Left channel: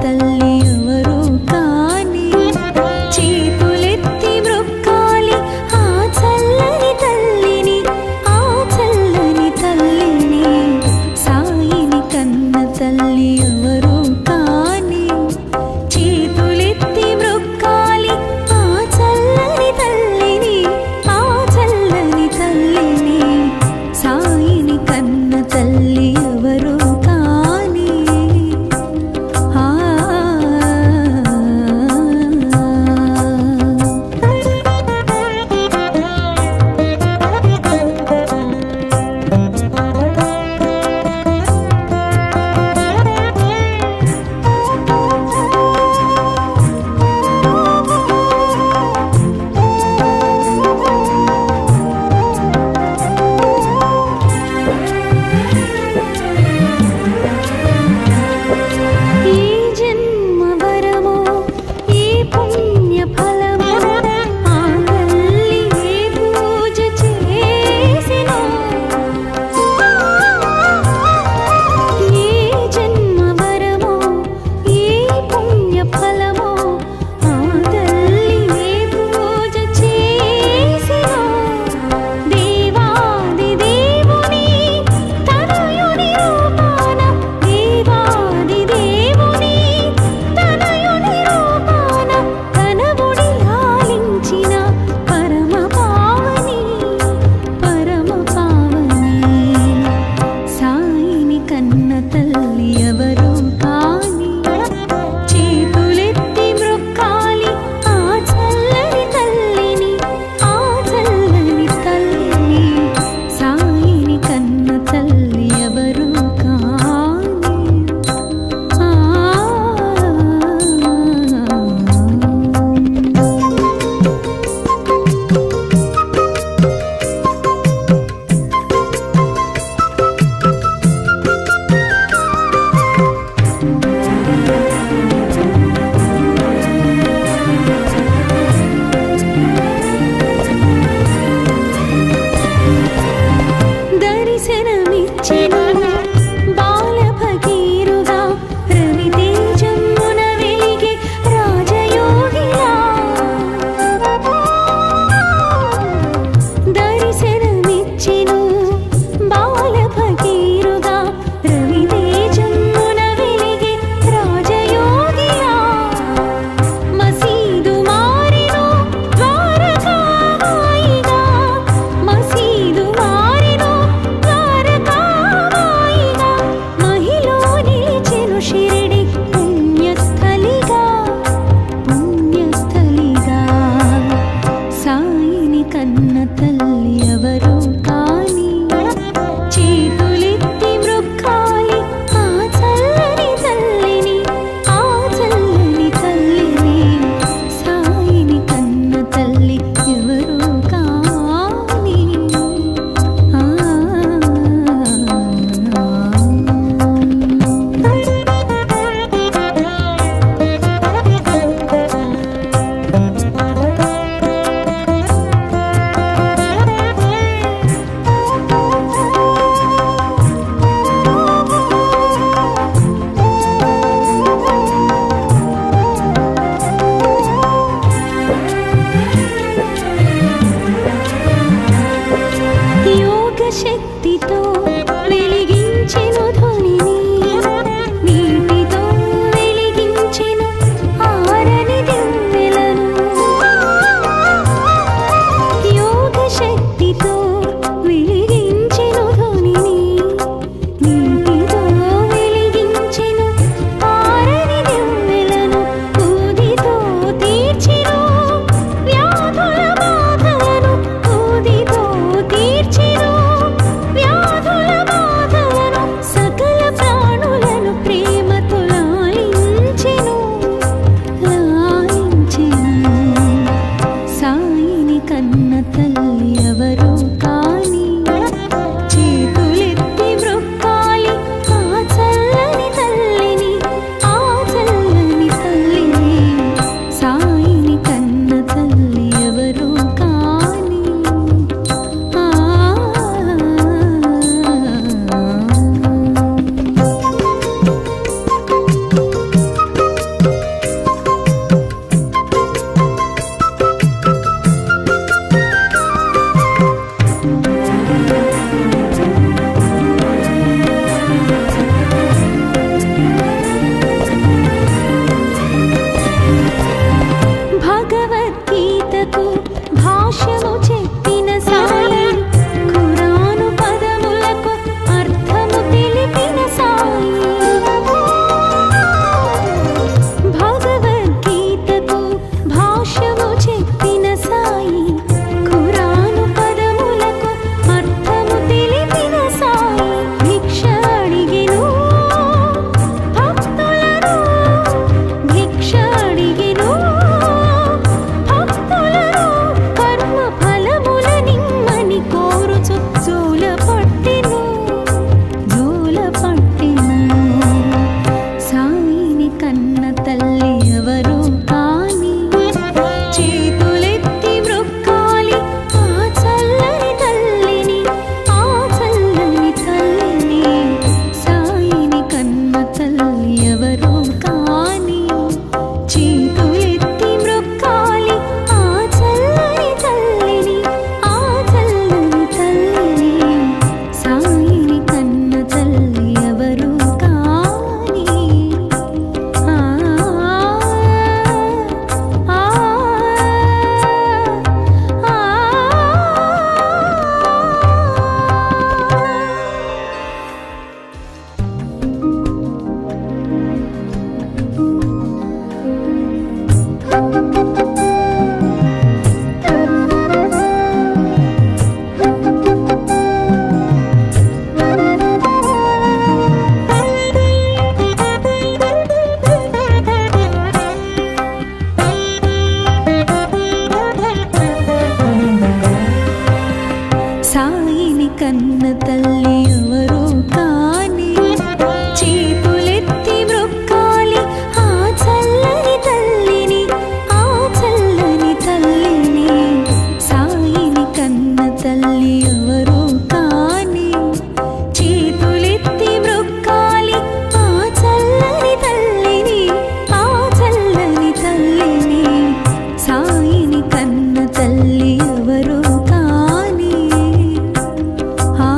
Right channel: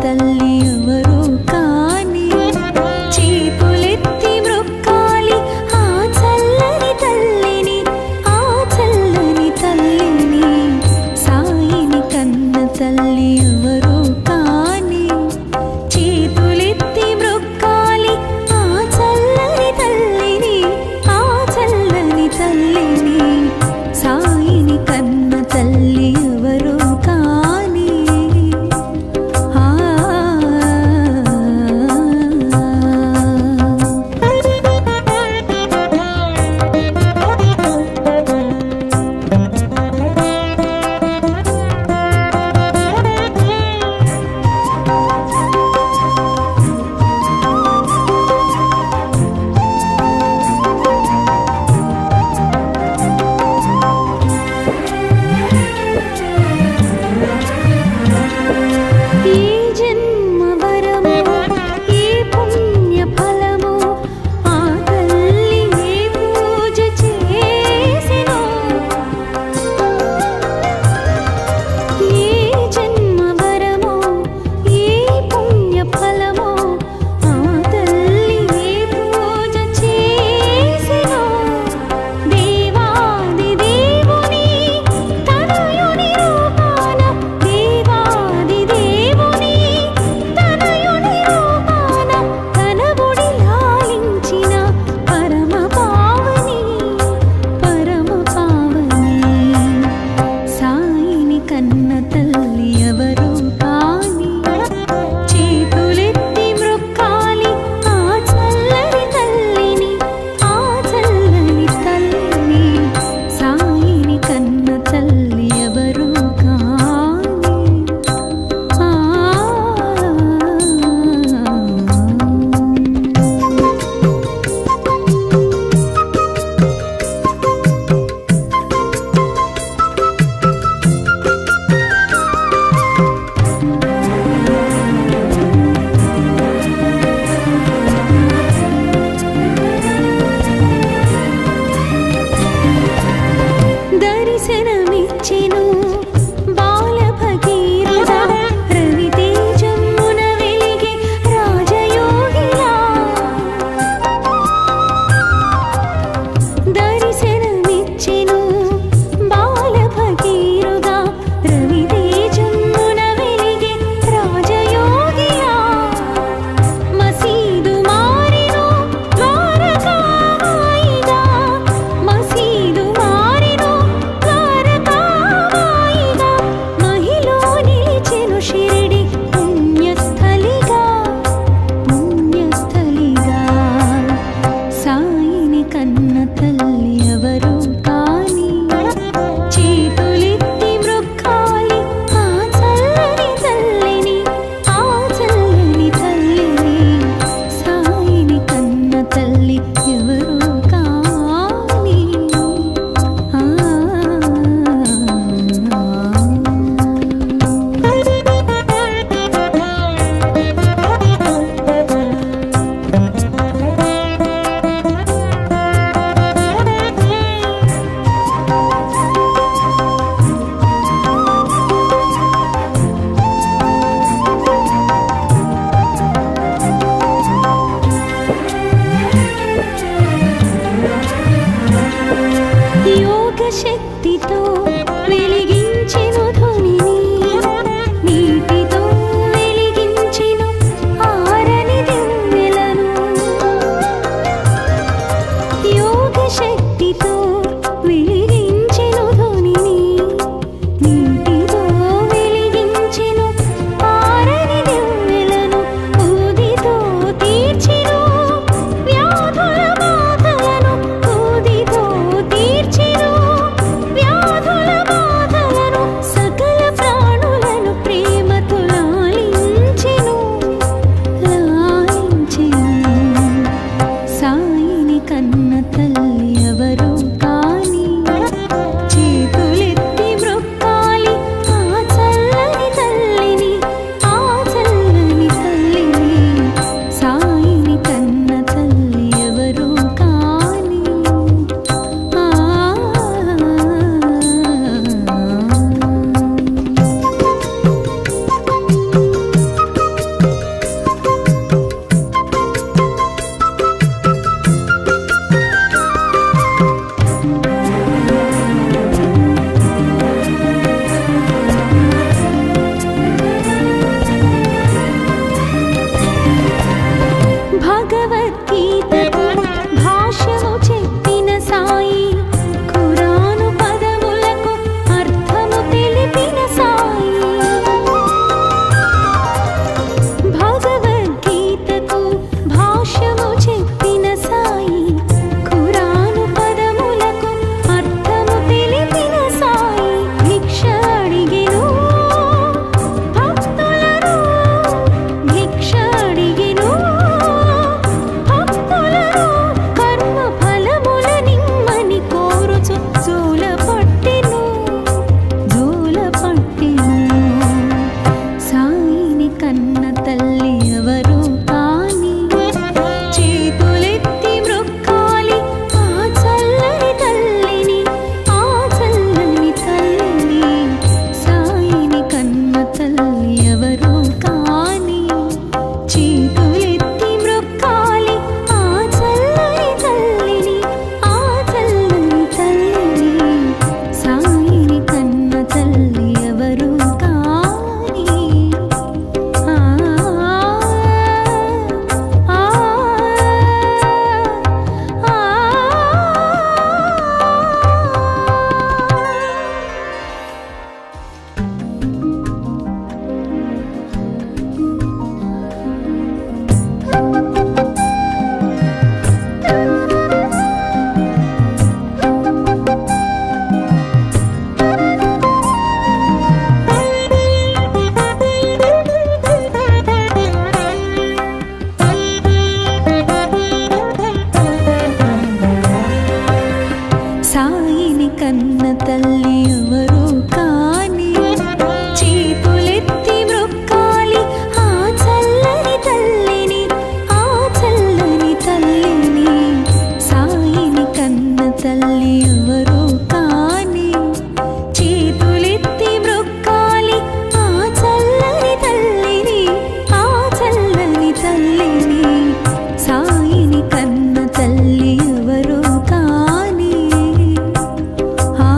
తల్లి ఎవరు కాని చేతులెత్తి మ్రొక్కాలి ఆ చల్లని తల్లిని, ఆ చల్లని తల్లిని. సాయిని కన్న తల్లి ఎవరు కాని చేతులెత్తి మ్రొక్కాలి ఆ చల్లని తల్లిని, ఆ చల్లని తల్లిని. సాయిని కన్న తల్లి ఎవరు కాని కన్న తల్లి ఎవరు కాని చేతులెత్తి మ్రొక్కాలి ఆ చల్లని తల్లిని, ఆ చల్లని తల్లిని. సాయిని కన్న తల్లి ఎవరు కాని దర్శనమిచ్చెను బాల భగీరథ రవితేజమున వెలిగే రాజయోగిలా. దర్శనమిచ్చెను బాల భగీరథ రవితేజమున వెలిగే రాజయోగిలా. మసీదు మారెను ద్వారకామాయిగా, మసీదు మారెను షిరిడి పుణ్యస్థలిగా, పుణ్యస్థలిగా. సాయిని కన్న తల్లి ఎవరు కాని చేతులెత్తి మ్రొక్కాలి ఆ చల్లని తల్లిని, ఆ చల్లని తల్లిని. సాయిని కన్న తల్లి ఎవరు కాని యోగ శక్తితో వెలిగించెను ధ్వనిని, నీటితో వెలిగించెను ఆరని దివ్వెలను. యోగ శక్తితో వెలిగించెను ధ్వనిని, నీటితో వెలిగించెను ఆరని దివ్వెలను. ఊదితో తీర్చెను వ్యాధుల బాధలను, ఊదితో తీర్చెను భాష్యము చెప్పిన సాయి, ఖురాను పదములకు అర్థము తెలిపిన సాయి, భిక్ష అడిగెను భక్తులను, భిక్ష అడిగెను భక్తులను, కర్మ ఫలముల నిమ్మని కోరుచు జోల పట్టెను, జోల పట్టెను. సాయిని కన్న తల్లి ఎవరు కాని, చేతులెత్తి మ్రొక్కాలి ఆ చల్లని తల్లిని, ఆ చల్లని తల్లిని. సాయిని కన్న తల్లి ఎవరు కాని, చేతులెత్తి మ్రొక్కాలి ఆ చల్లని తల్లిని, ఆ చల్లని తల్లిని. సాయిని కన్న తల్లి ఎవరు కాని. ఆ ఆ ఆ సాయిని కన్న తల్లి ఎవరు కాని, చేతులెత్తి మ్రొక్కాలి ఆ చల్లని తల్లిని, ఆ చల్లని తల్లిని. సాయిని కన్న తల్లి ఎవరు కాని, చేతులెత్తి మ్రొక్కాలి ఆ చల్లని తల్లిని, ఆ చల్లని తల్లిని. సాయిని కన్న తల్లి ఎవరు కాని. ఆ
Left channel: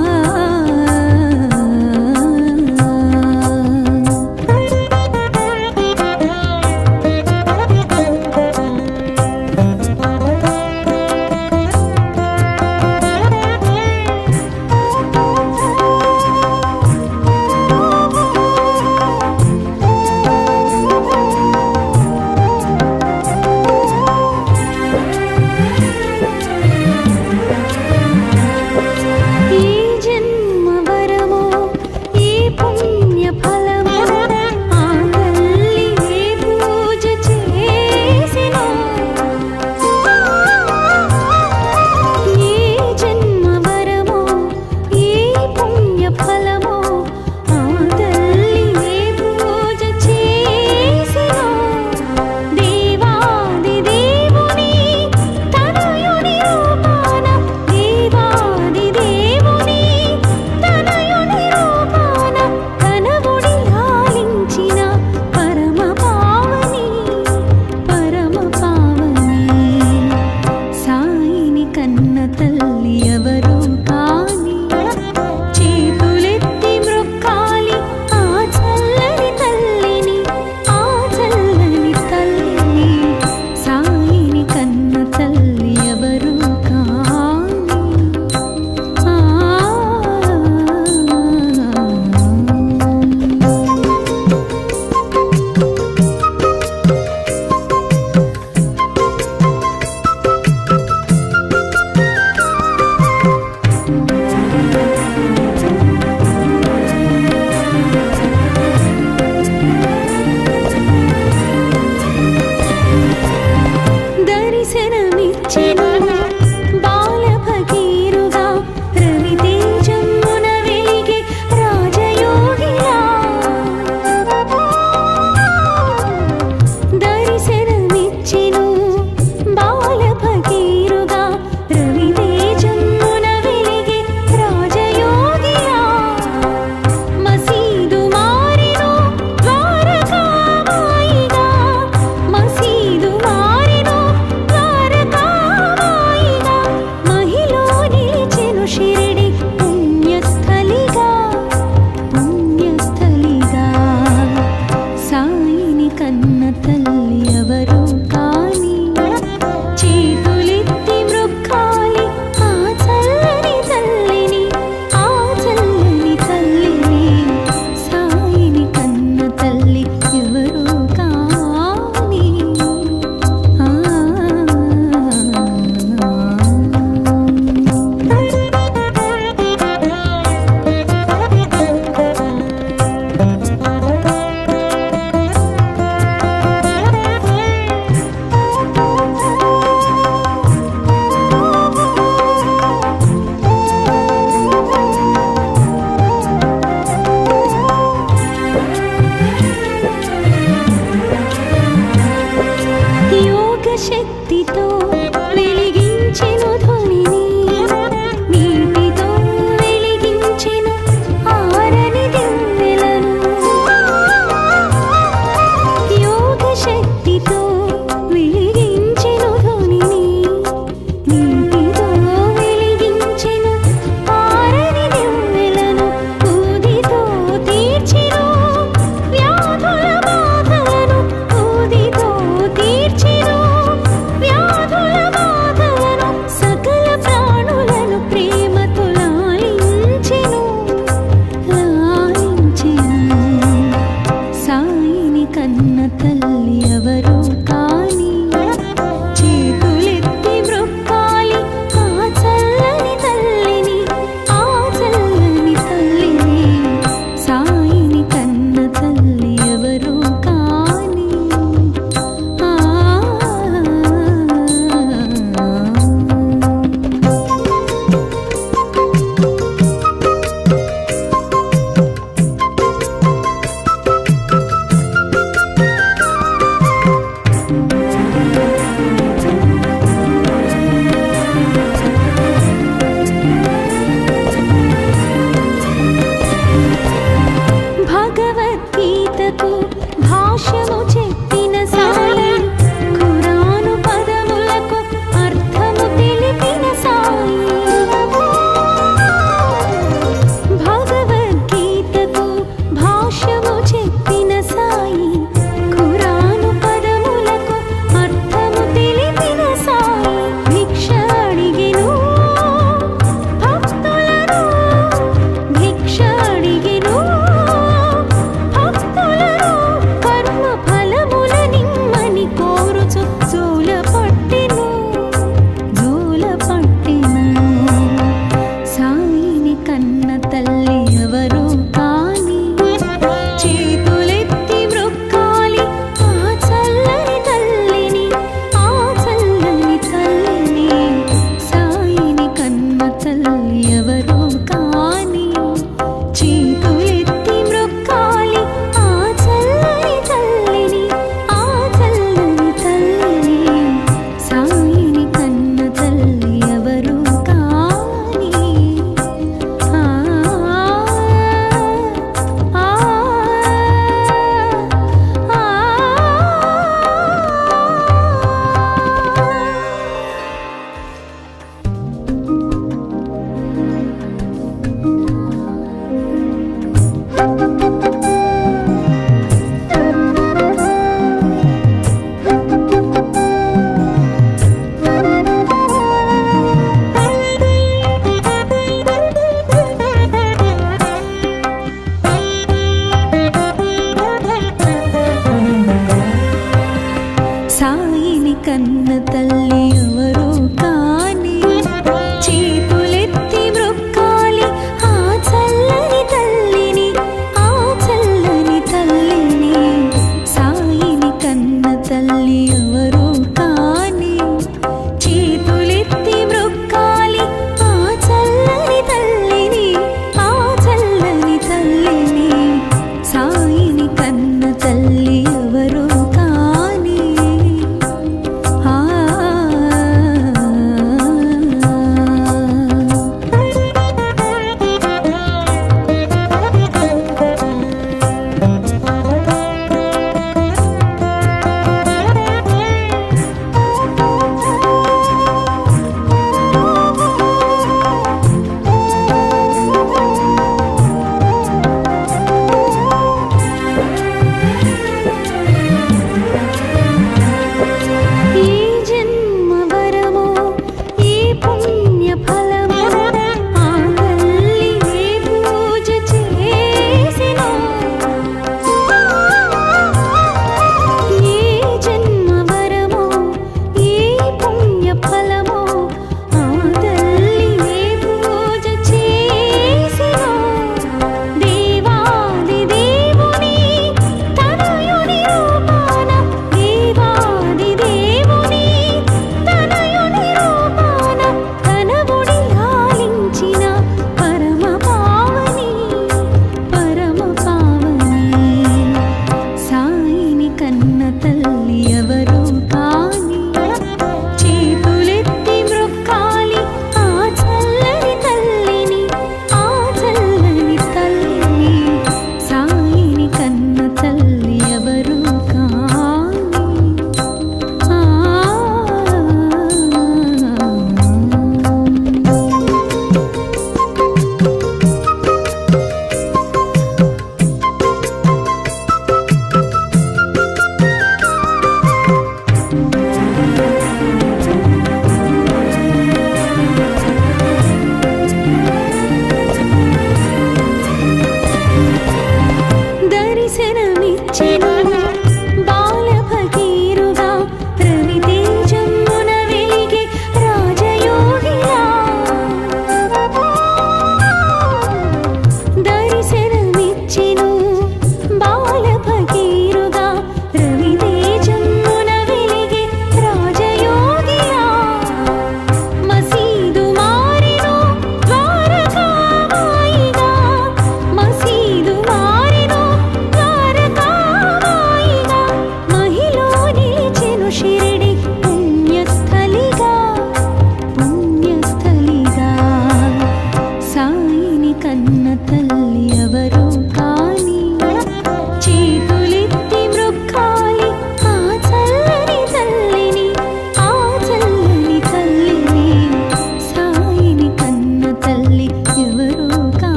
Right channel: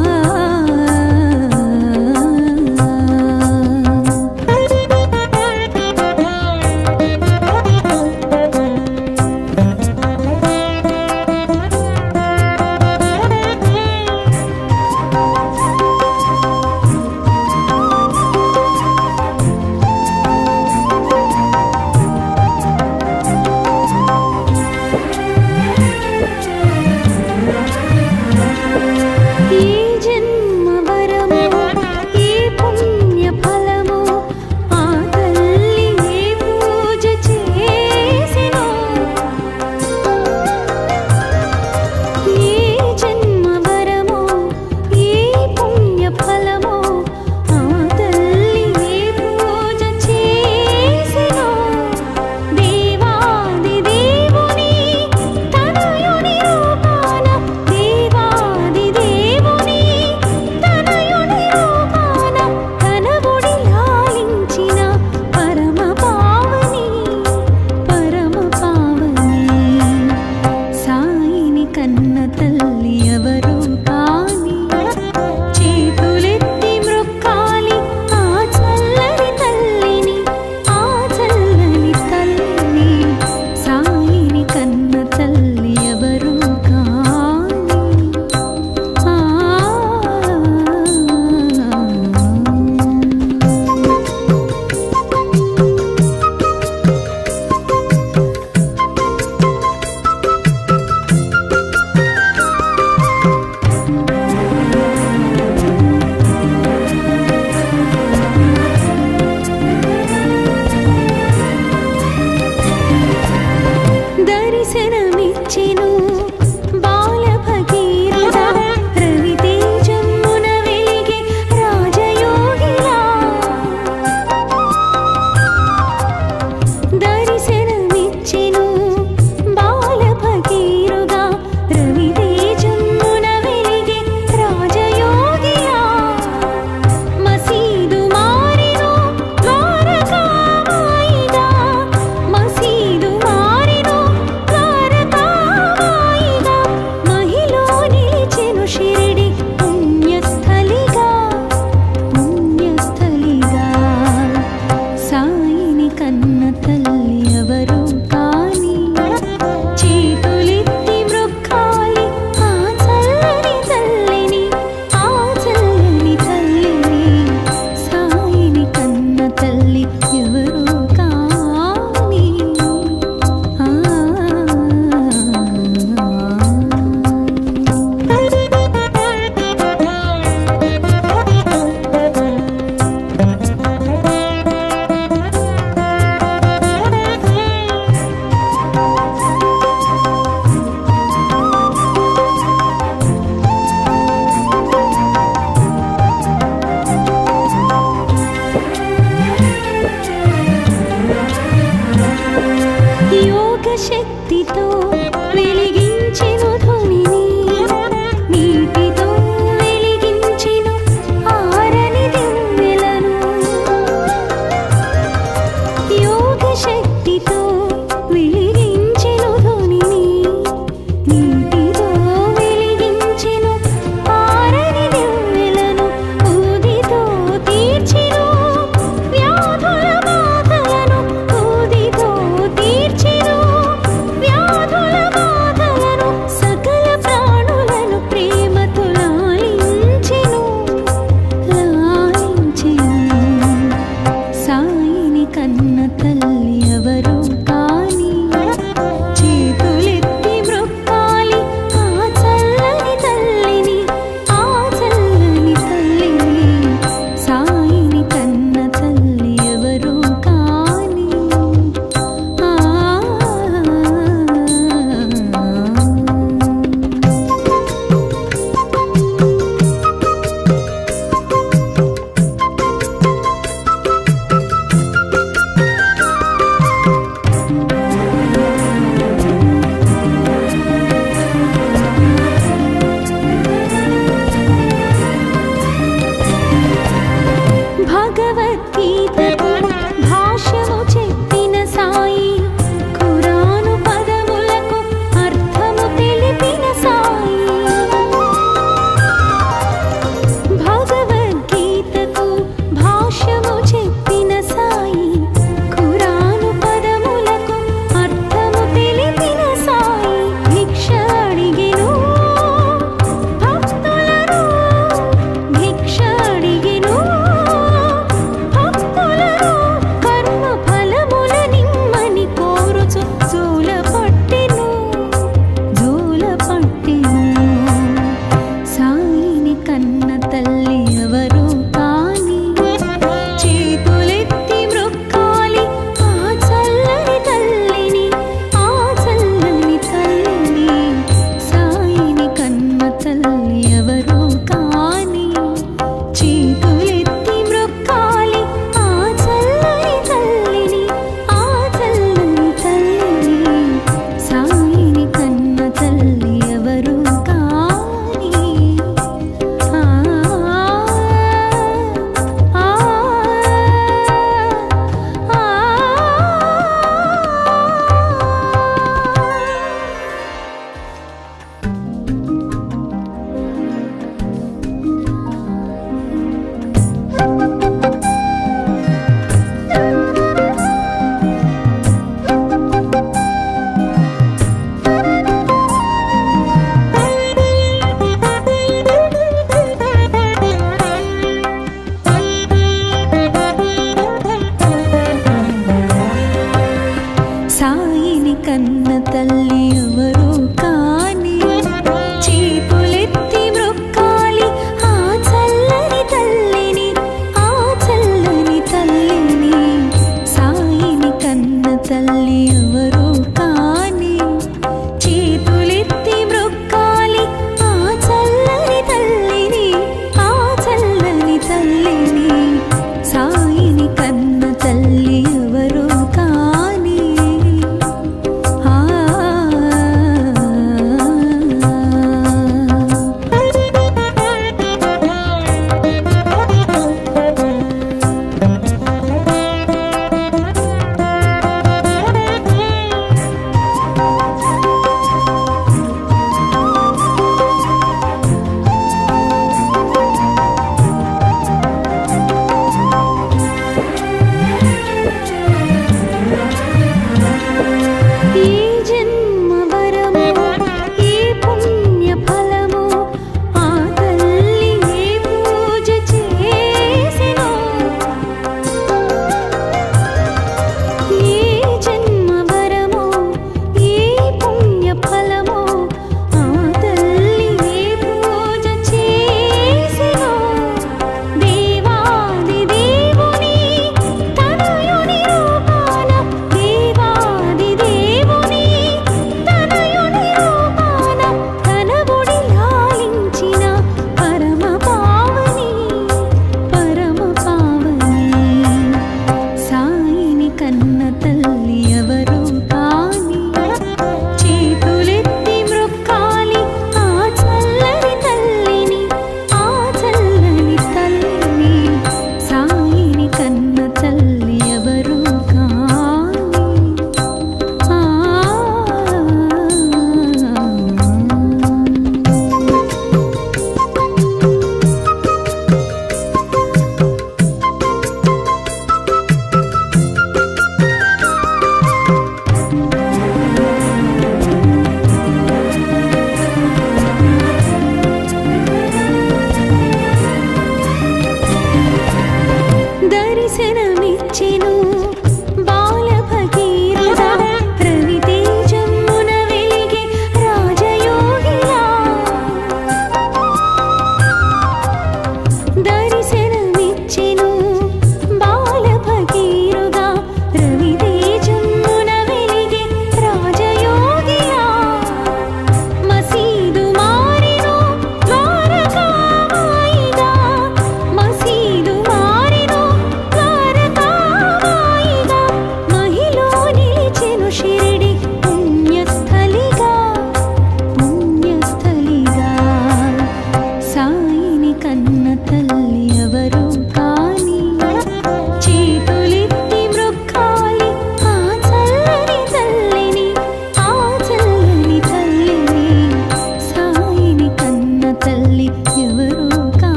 ఏ జన్మ వరమో, ఏ పుణ్య ఫలమో, ఆ తల్లి ఏ పూజ చేసినో. ఏ జన్మ వరమో, ఏ పుణ్య ఫలమో, ఆ తల్లి ఏ పూజ చేసినో. దేవాది దేవుని తనయుని రూపాన, దేవాది దేవుని తనయుని రూపాన, తనవుడి లాలించిన పరమ పావని, పరమ పావని. సాయిని కన్న తల్లి ఎవరు కాని, చేతులెత్తి మ్రొక్కాలి ఆ చల్లని తల్లిని, ఆ చల్లని తల్లిని. సాయిని కన్న తల్లి ఎవరు కాని. ఆ దర్శనమిచ్చెను బాల భగీరథ, రవితేజమున వెలిగే రాజయోగిలా. దర్శనమిచ్చెను బాల భగీరథ, రవితేజమున వెలిగే రాజయోగిలా. మసీదు మారెను ద్వారకామాయిగా, మసీదు మారెను ద్వారకామాయిగా. మహిలో నిలిచెను షిరిడి పుణ్యస్థలిగా, పుణ్యస్థలిగా. సాయిని కన్న తల్లి ఎవరు కాని, చేతులెత్తి శక్తితో వెలిగించెను ధ్వనిని, నీటితో వెలిగించెను ఆరని దివ్వెలను. యోగ శక్తితో వెలిగించెను ధ్వనిని, నీటితో వెలిగించెను ఆరని దివ్వెలను. ఊదితో తీర్చెను వ్యాధుల బాధలను, ఊదితో తీర్చెను వ్యాధుల బాధలను. సకల ప్రాణులను ప్రేమతో లాలించెను, లాలించెను. సాయిని కన్న తల్లి ఎవరో కాని, చేతులెత్తి మ్రొక్కాలి ఆ చల్లని తల్లిని, ఆ చల్లని తల్లిని. సాయిని కన్న తల్లి ఎవరో కాని. భగవద్గీతకు భాష్యము చెప్పిన సాయి, ఖురాను పదములకు అర్థము తెలిపిన సాయి. భగవద్గీతకు భాష్యము చెప్పిన సాయి, ఖురాను పదములకు అర్థము తెలిపిన సాయి. భిక్ష అడిగెను భక్తులను, భిక్ష అడిగెను కర్మ ఫలముల నిమ్మని కోరుచు జోల పట్టెను, జోల పట్టెను. సాయిని కన్న తల్లి ఎవరో కాని, చేతులెత్తి మ్రొక్కాలి ఆ చల్లని తల్లిని, ఆ చల్లని తల్లిని. సాయిని కన్న తల్లి ఎవరో కాని, చేతులెత్తి మ్రొక్కాలి ఆ చల్లని తల్లిని, ఆ చల్లని తల్లిని. సాయిని కన్న తల్లి ఎవరో కాని. సాయిని కన్న తల్లి ఎవరో కాని, చేతులెత్తి మ్రొక్కాలి ఆ చల్లని తల్లిని, ఆ చల్లని తల్లిని. సాయిని కన్న తల్లి ఎవరో కాని, చేతులెత్తి మ్రొక్కాలి ఆ చల్లని తల్లిని, ఆ చల్లని తల్లిని. సాయిని కన్న తల్లి ఎవరో కాని.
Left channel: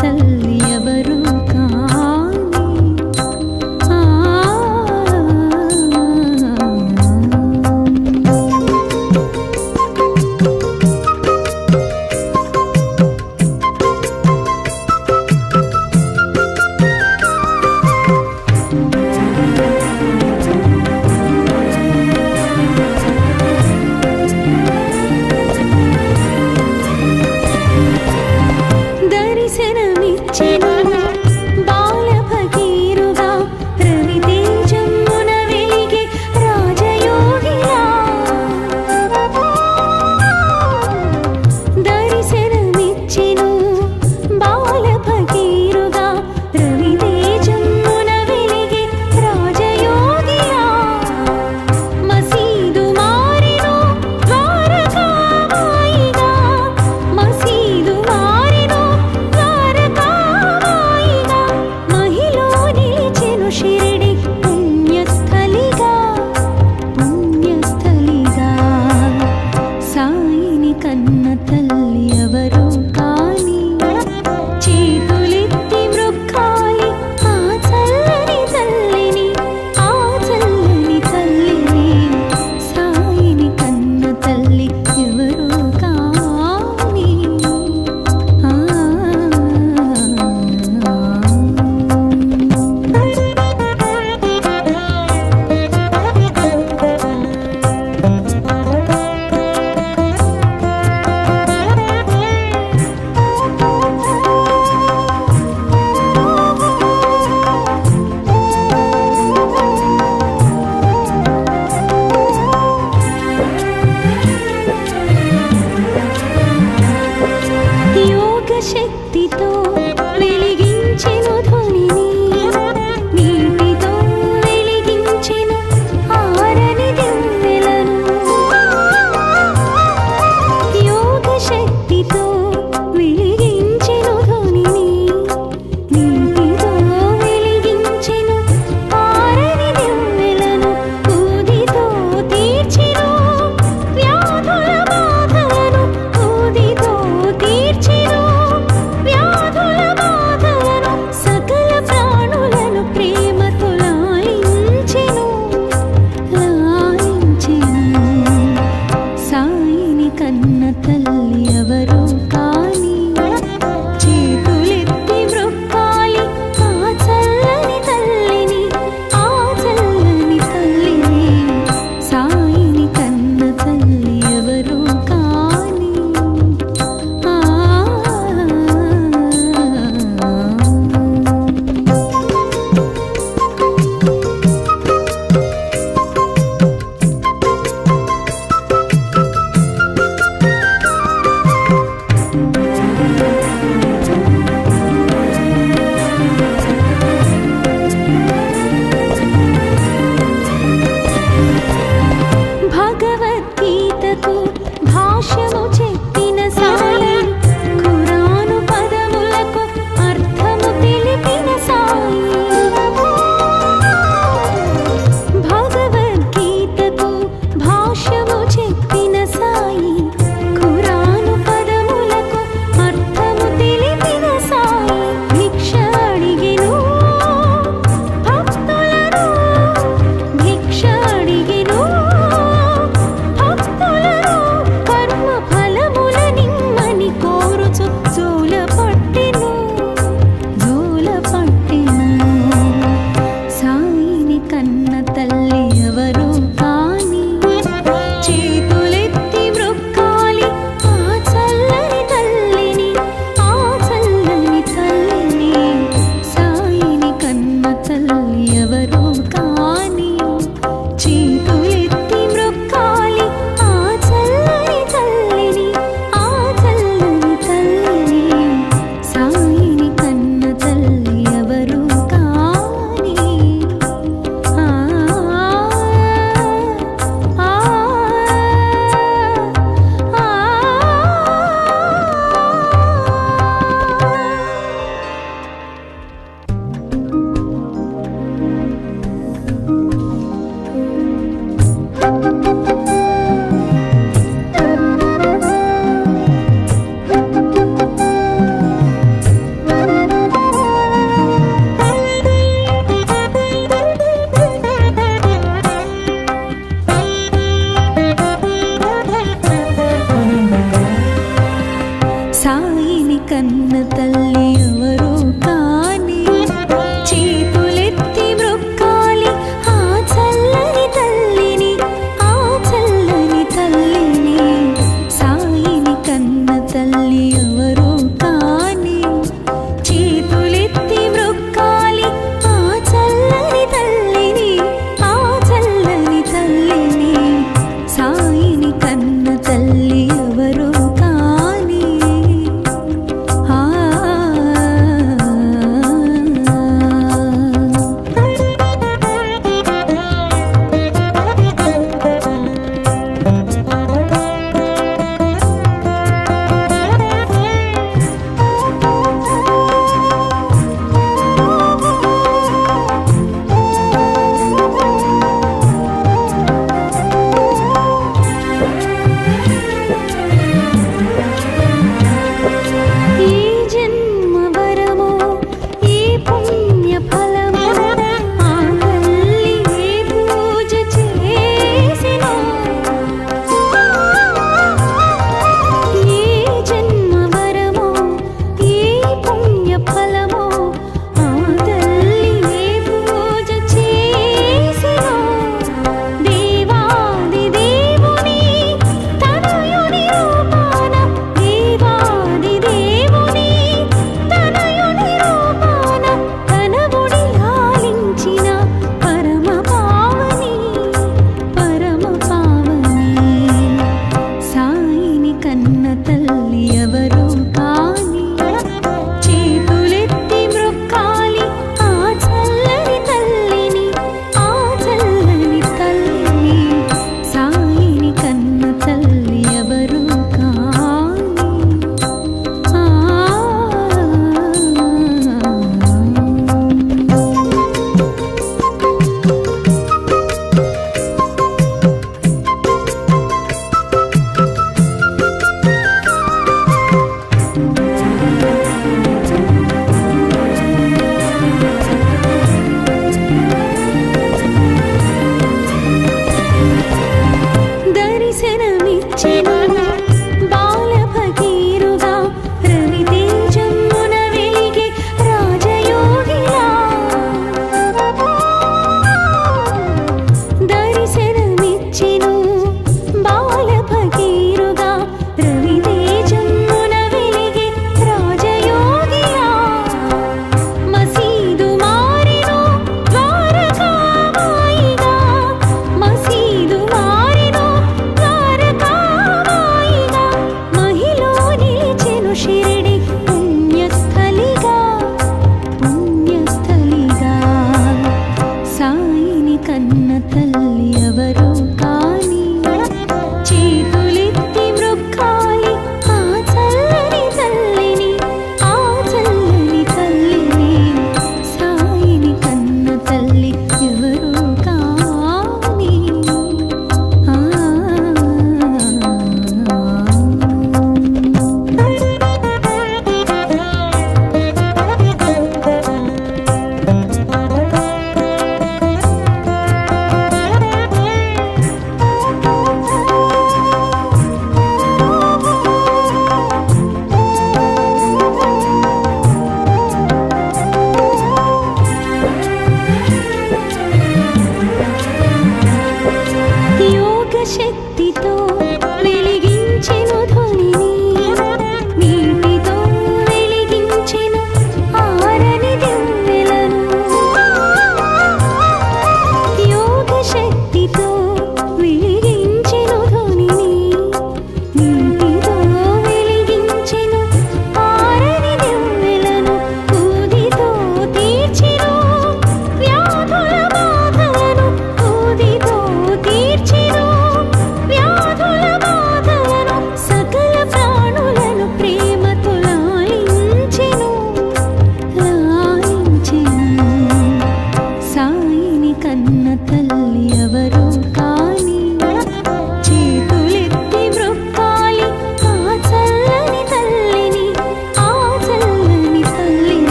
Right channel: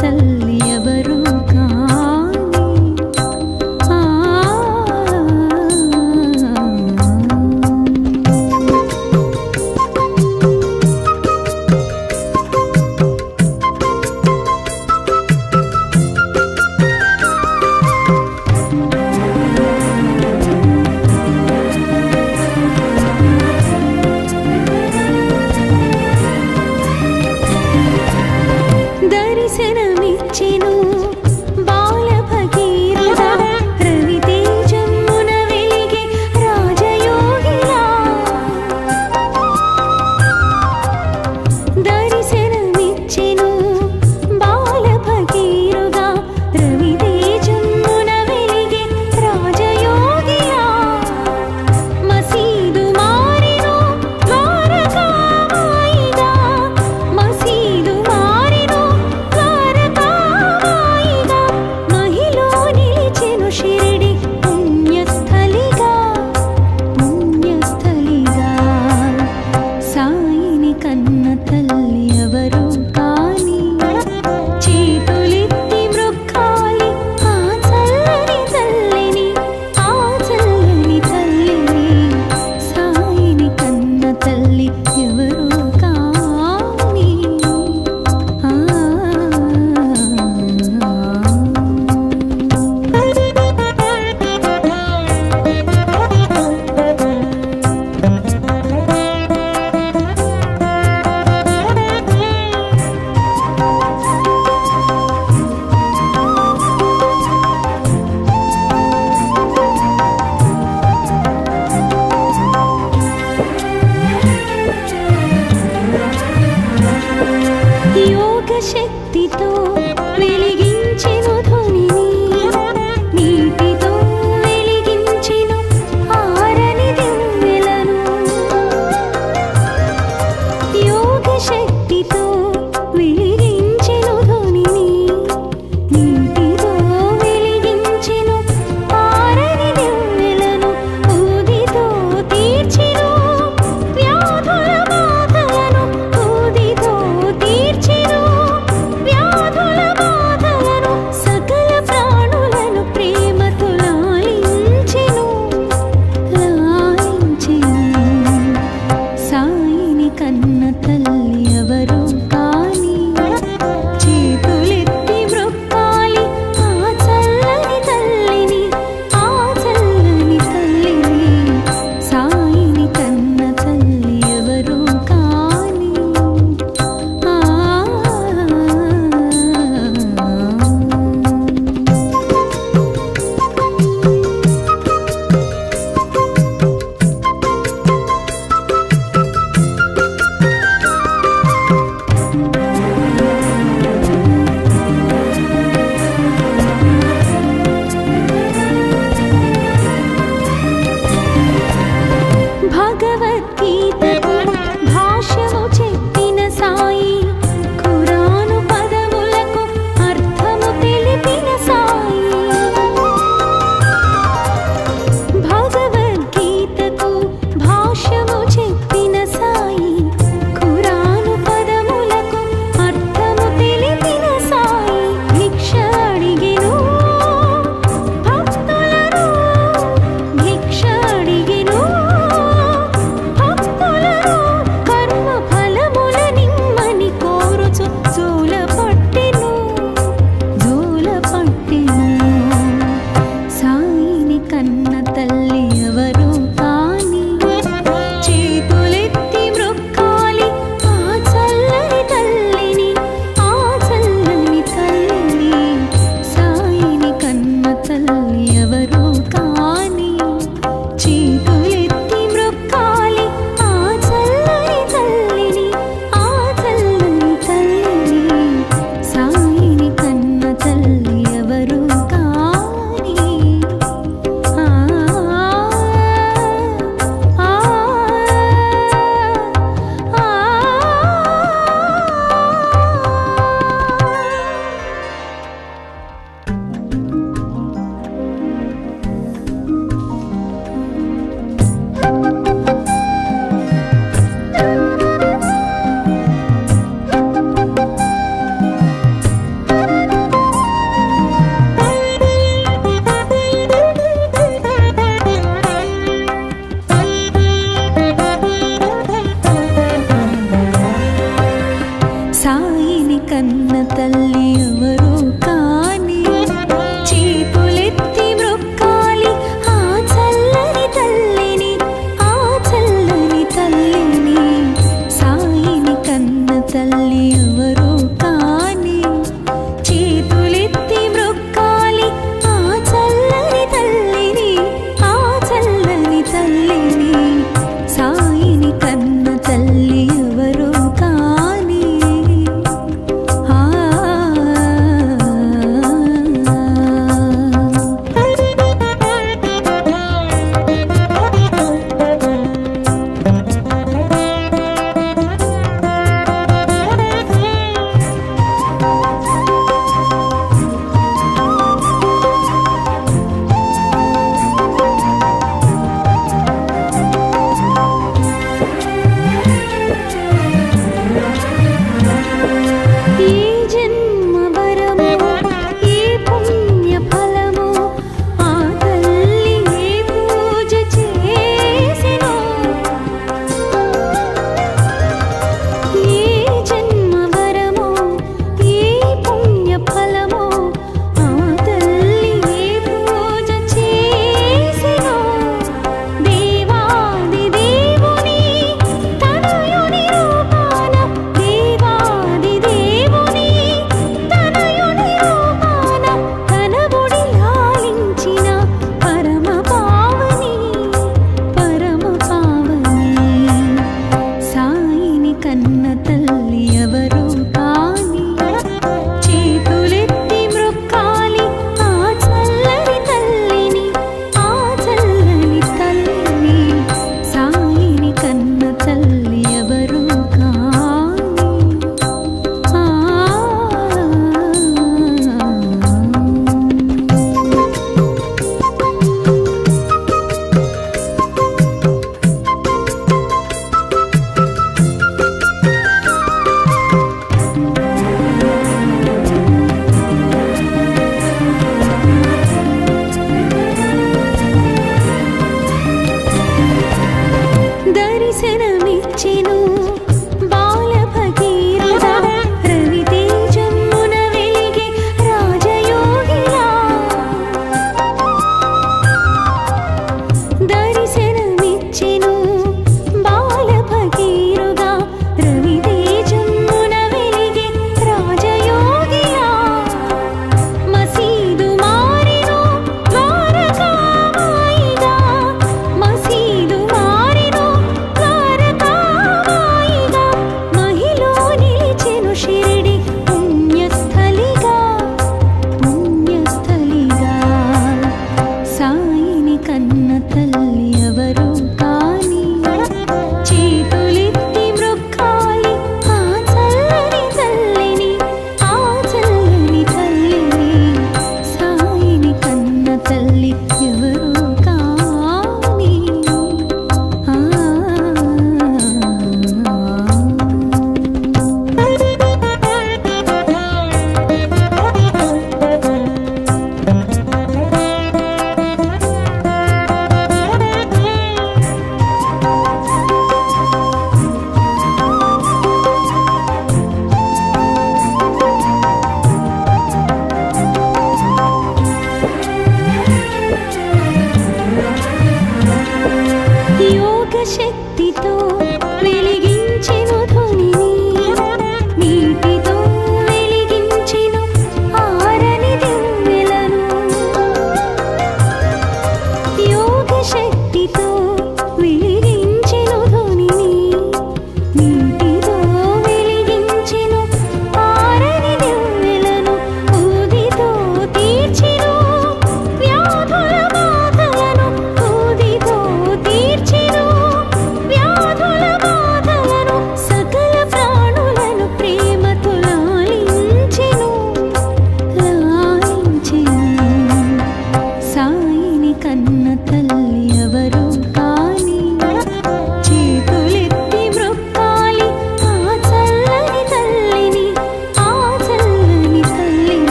తల్లి ఎవరు కాని దర్శనమిచ్చెను బాల భగీరథ రవితేజమున వెలిగే రాజయోగిలా దర్శనమిచ్చెను బాల భగీరథ రవితేజమున వెలిగే రాజయోగిలా మసీదు మారెను ద్వారకామాయిగా మసీదు మారెను షిరిడి పుణ్యస్థలిగా పుణ్యస్థలిగా సాయిని కన్న తల్లి ఎవరు కాని చేతులెత్తి మృక్కాలి ఆ చల్లని తల్లిని ఆ చల్లని తల్లిని సాయిని కన్న తల్లి ఎవరు కాని యోగ శక్తితో వెలిగించెను ధ్వనిని నీటితో వెలిగించెను ఆరని దివ్వెలను యోగ శక్తితో వెలిగించెను ధ్వనిని నీటితో వెలిగించెను ఆరని దివ్వెలను ఊదితో తీర్చెను వ్యాధుల బాధలను ఊదితో తీర్చెను వ్యాధుల బాధలను సకల ప్రాణులను ప్రేమతో లాలించెను సాయిని కన్న తల్లి ఎవరు కాని చేతులెత్తి మృక్కాలి ఆ చల్లని తల్లిని ఆ చల్లని తల్లిని సాయిని కన్న తల్లి ఎవరు కాని భగవద్గీతకు భాష్యము చెప్పిన సాయి ఖురాను పదములకు అర్థము తెలిపిన సాయి భగవద్గీతకు భాష్యము చెప్పిన సాయి ఖురాను పదములకు అర్థము తెలిపిన సాయి భిక్ష అడిగెను భక్తులను భిక్ష అడిగెను కర్మ ఫలముల సాయిని కన్న తల్లి ఎవరో కాని చేతులెత్తి మ్రొక్కాలి ఆ చల్లని తల్లిని, ఆ చల్లని తల్లిని. సాయిని కన్న తల్లి ఎవరో కాని చేతులెత్తి మ్రొక్కాలి ఆ చల్లని తల్లిని, ఆ చల్లని తల్లిని. సాయిని కన్న తల్లి ఎవరో కాని కన్న తల్లి ఎవరో కాని చేతులెత్తి మ్రొక్కాలి ఆ చల్లని తల్లిని, ఆ చల్లని తల్లిని. సాయిని కన్న తల్లి ఎవరో కాని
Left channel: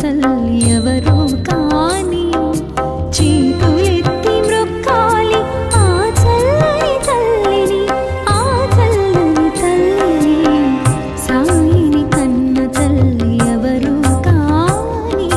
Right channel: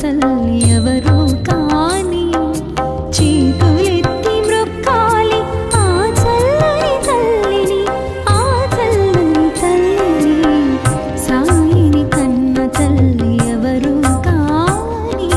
తల్లి ఎవరు కాని చేతులెత్తి మ్రొక్కాలి ఆ చల్లని తల్లిని ఆ చల్లని తల్లిని సాయిని కన్న తల్లి ఎవరు కాని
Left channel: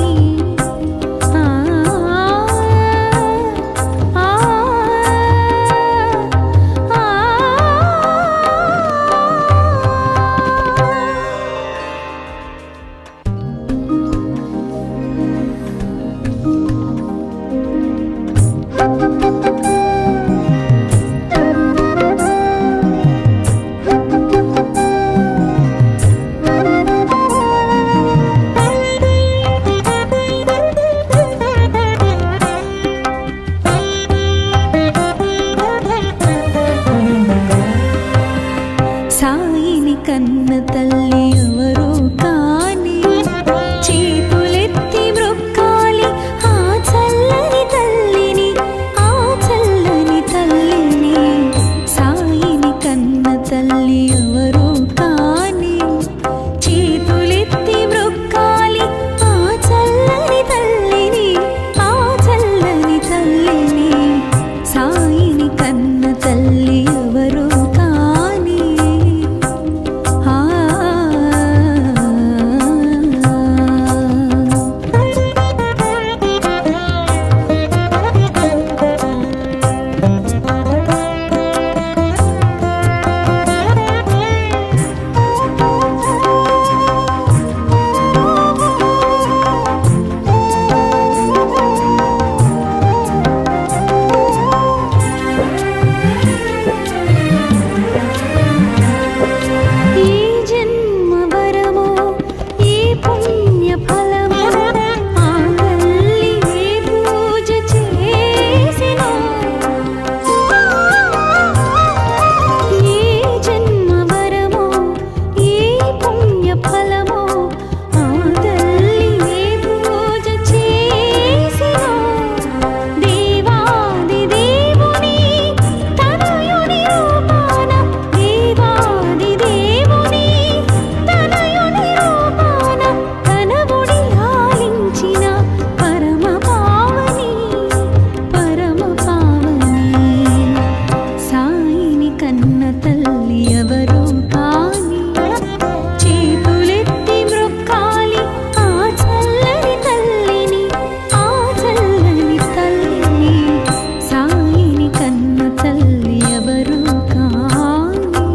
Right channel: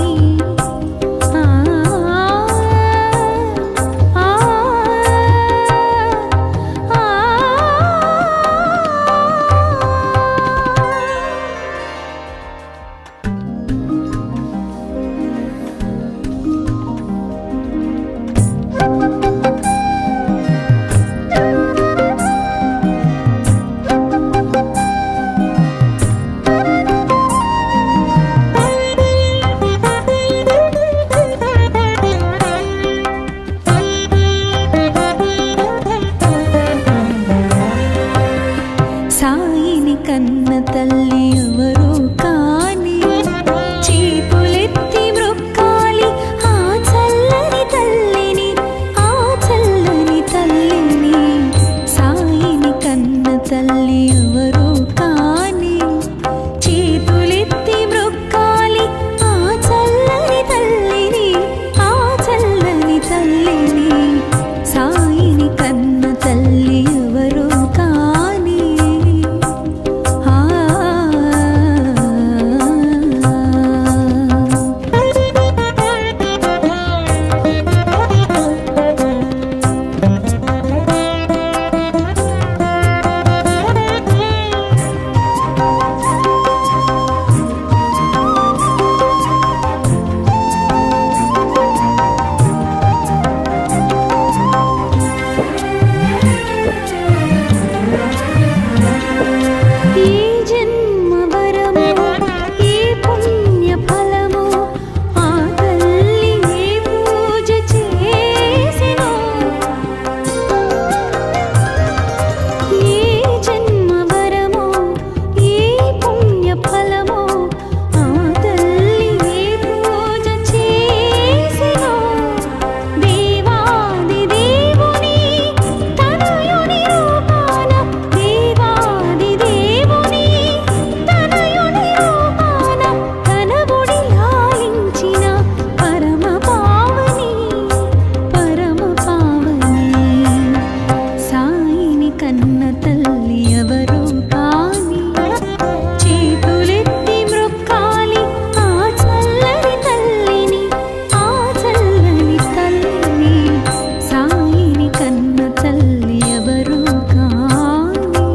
సాయిని కన్న తల్లి ఎవరు కాని చేతులెత్తి మ్రొక్కాలి ఆ చల్లని తల్లిని ఆ చల్లని తల్లిని సాయిని కన్న తల్లి ఎవరు కాని చేతులెత్తి మ్రొక్కాలి ఆ చల్లని తల్లిని ఆ చల్లని తల్లిని సాయిని కన్న తల్లి ఎవరు కాని కన్న తల్లి ఎవరు కాని చేతులెత్తి మ్రొక్కాలి ఆ చల్లని తల్లిని ఆ చల్లని తల్లిని సాయిని కన్న తల్లి ఎవరు కాని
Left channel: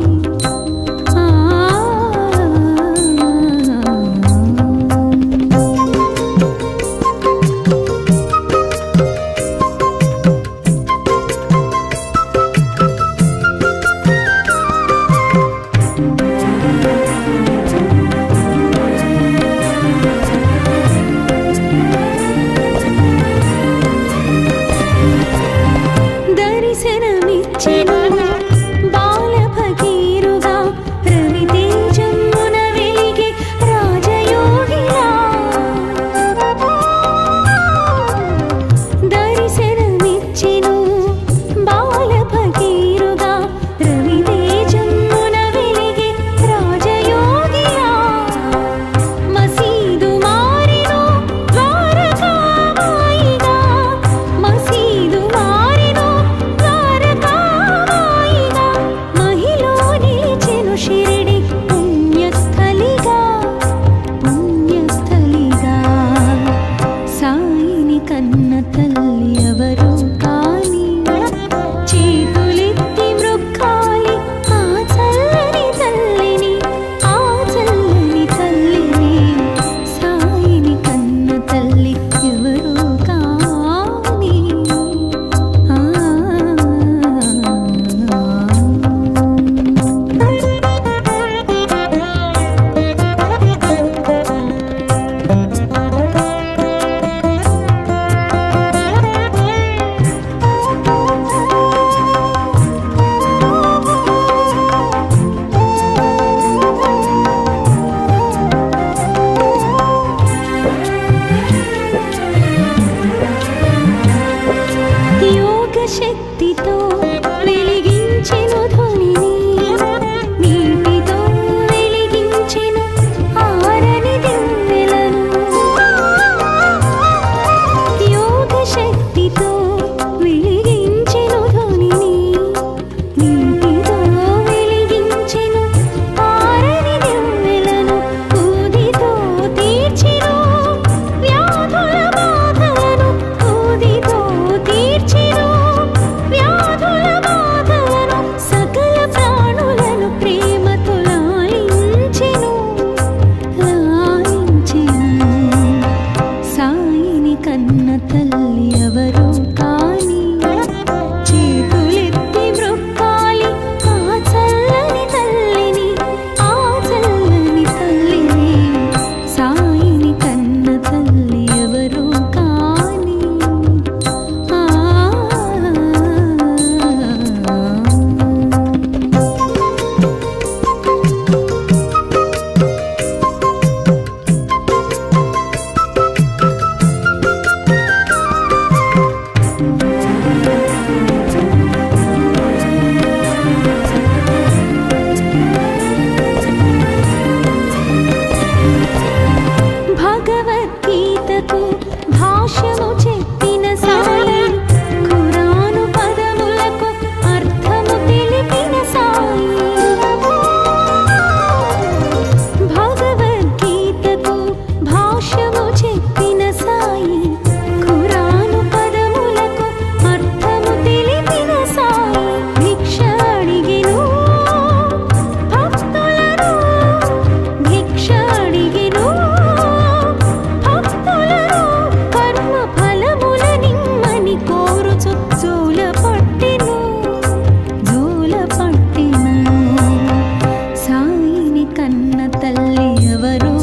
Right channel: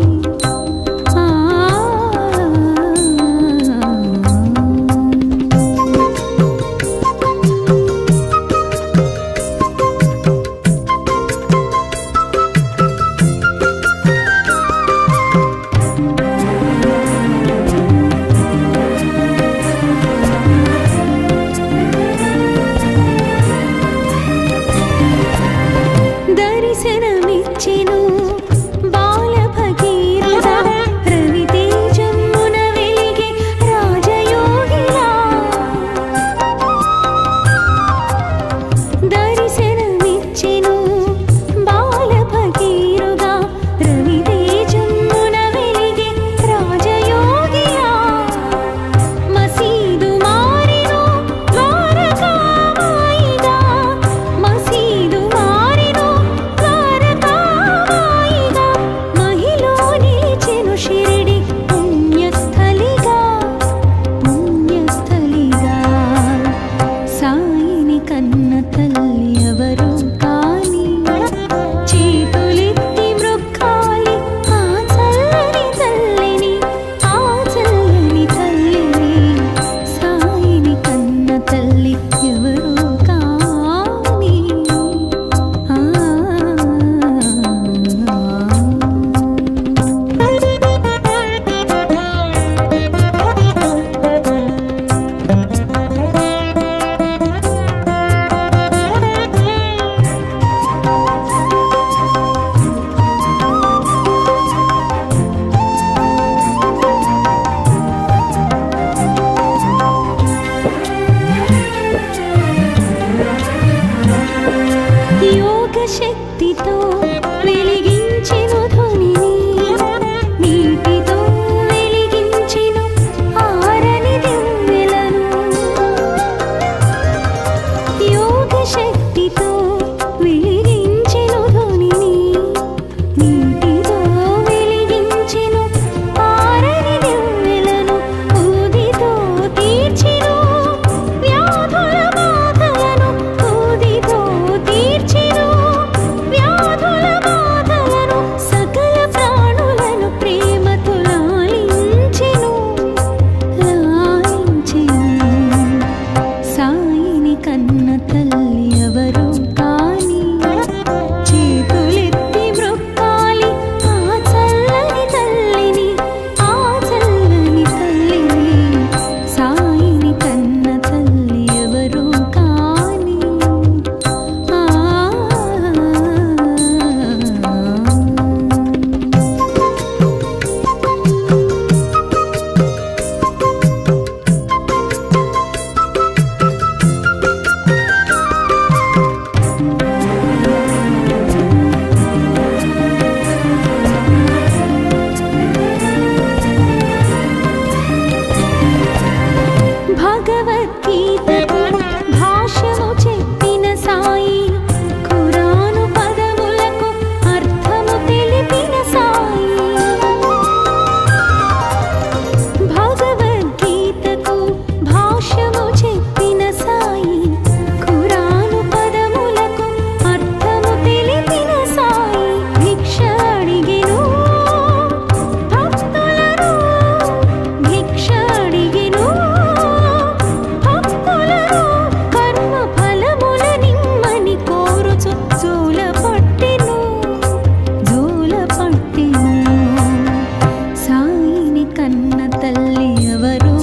దర్శనమిచ్చెను బాల భగీరథ రవితేజమున వెలిగే రాజయోగిలా దర్శనమిచ్చెను బాల భగీరథ రవితేజమున వెలిగే రాజయోగిలా మసీదు మారెను ద్వారకామాయిగా మసీదు షిరిడి పుణ్యస్థలిగా పుణ్యస్థలిగా సాయిని కన్న తల్లి ఎవరు కాని చేతులెత్తి మ్రొక్కాలి ఆ చల్లని తల్లిని ఆ చల్లని తల్లిని సాయిని కన్న తల్లి ఎవరు కాని శక్తితో వెలిగించెను ధ్వనిని నీటితో వెలిగించెను ఆరని దివ్వెలను భగవద్గీతకు భాష్యము చెప్పిన సాయి, ఖురాను పదములకు అర్థము తెలిపిన సాయి. భగవద్గీతకు భాష్యము చెప్పిన సాయి, ఖురాను పదములకు అర్థము తెలిపిన సాయి. భిక్ష అడిగెను భక్తులను, భిక్ష అడిగెను భక్తులను, కర్మ ఫలముల నిమ్మని కోరుచు జోల పట్టెను, జోల పట్టెను. సాయిని కన్న తల్లి ఎవరు